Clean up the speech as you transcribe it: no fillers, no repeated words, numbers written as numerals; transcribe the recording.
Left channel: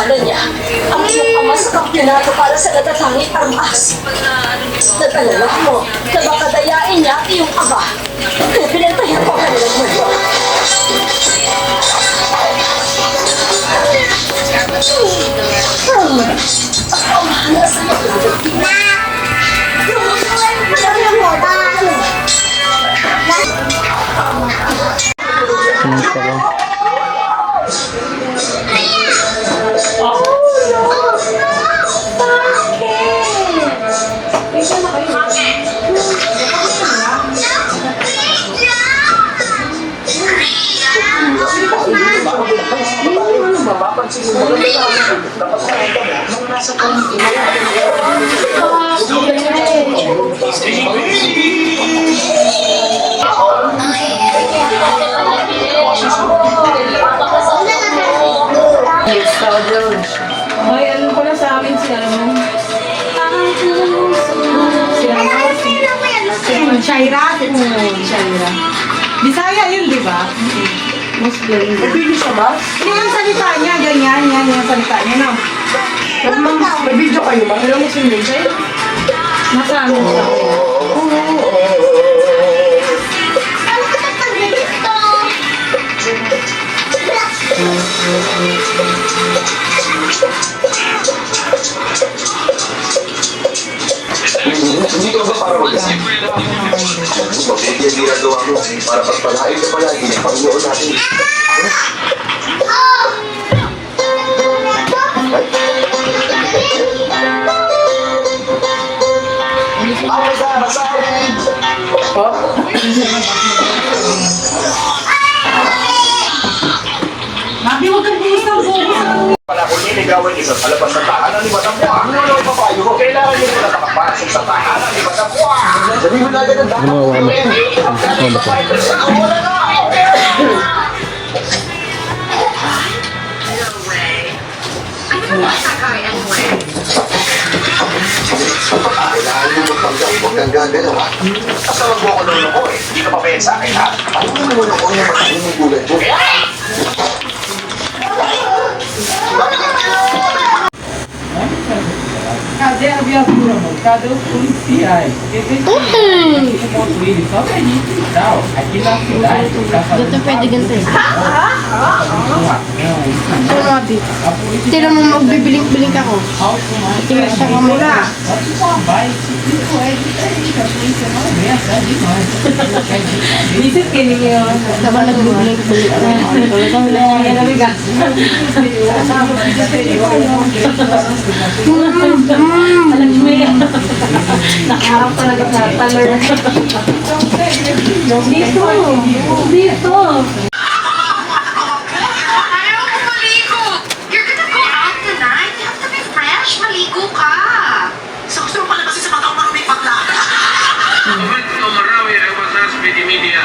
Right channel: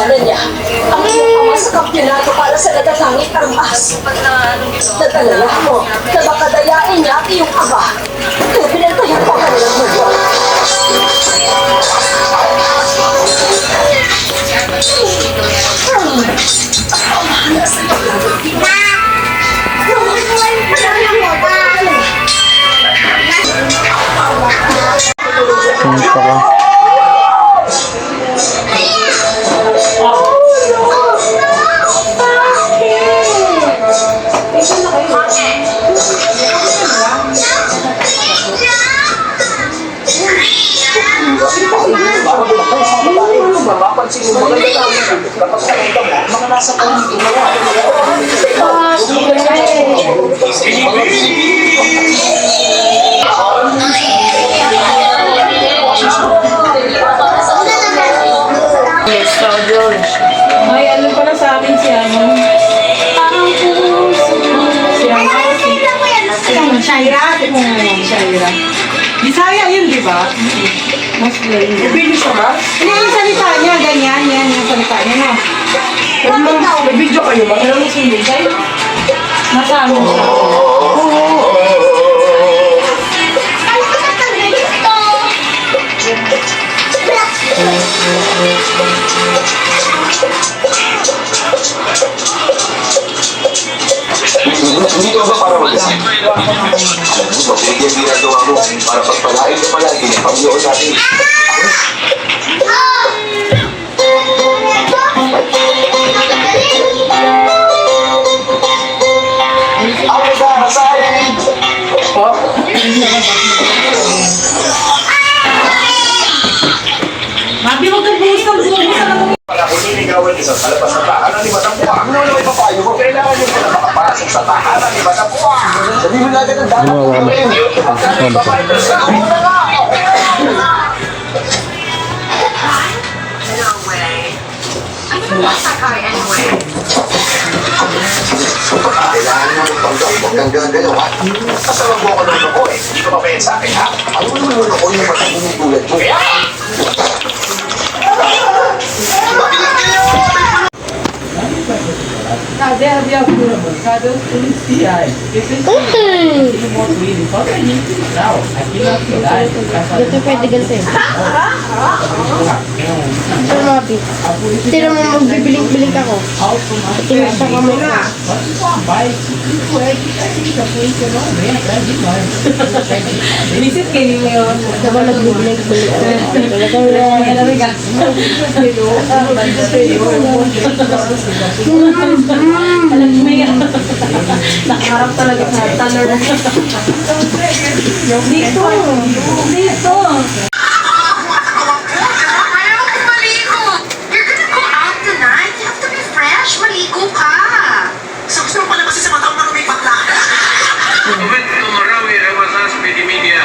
Iniwanan niya ang iyong ama sa kampyonato para sa natatanging armas. Natalala ko na baka dayain niya ang iyong ama. Kaya pinantayan ko ang kanilang mundo. Ako mahal sa mga Punta ka. Mapapansin mo mga lalaki kapag nakita mo mga nasa pamilya Ay, ano pala sa akin si ano? Shaira. Shaira. Bisaya yun, di ba? Muslim. Bibili siya ba? Hindi, yung salita niya, ganyan, yan yung salita niya, no? May video kayo ba? Pero Muslim siya. Nasa ano siya? Hindi ka ba para mag-isip? Mabuti ang ginagawa mo para pagpalain ka palagi ng Panginoon natin. Ako sa masahin! Mabi, huwag kang buhos ng buhos. Wala ko niligawan isa sa labas sa tahanan ni Madam Buang. Ano yung papayo mo? Kailangan niyo muna makapasok sa tahanan ni Madam Buang. Sabihin mo nga ganun dapat. Gumawa ka na. Kailangan mo magpanggap. Huwag kang gagano, ha? Basta wag mo ko lolo eh. Hindi ka papayan sa akin, ha? Ano mo mo lolo yung matulong tulad mo? Kaya! Cadê a viatura, amor? Cadê os policiais? Porque vocês têm ele só pra gente e tal. Aqui na cidade, pra fazer Dito pwede ganito eh. a polícia Tira mo magbibiling-biling ako. Tingnan siya mo muna. vai, isso é diferente. A polícia não vem atrás de nós. Isip ka niyo yun. Dapat nagbibiling-biling ako. Kaya nabigas. Alam mo yan. Nakaharap talaga sa taler. Dito. Dito. Ayaw ko maligo. You're gonna go out tonight. You have to be fresh. Maligo ka. Gusto mo pala kasi sa mataong maruming bakla. Evento marami ewan sa media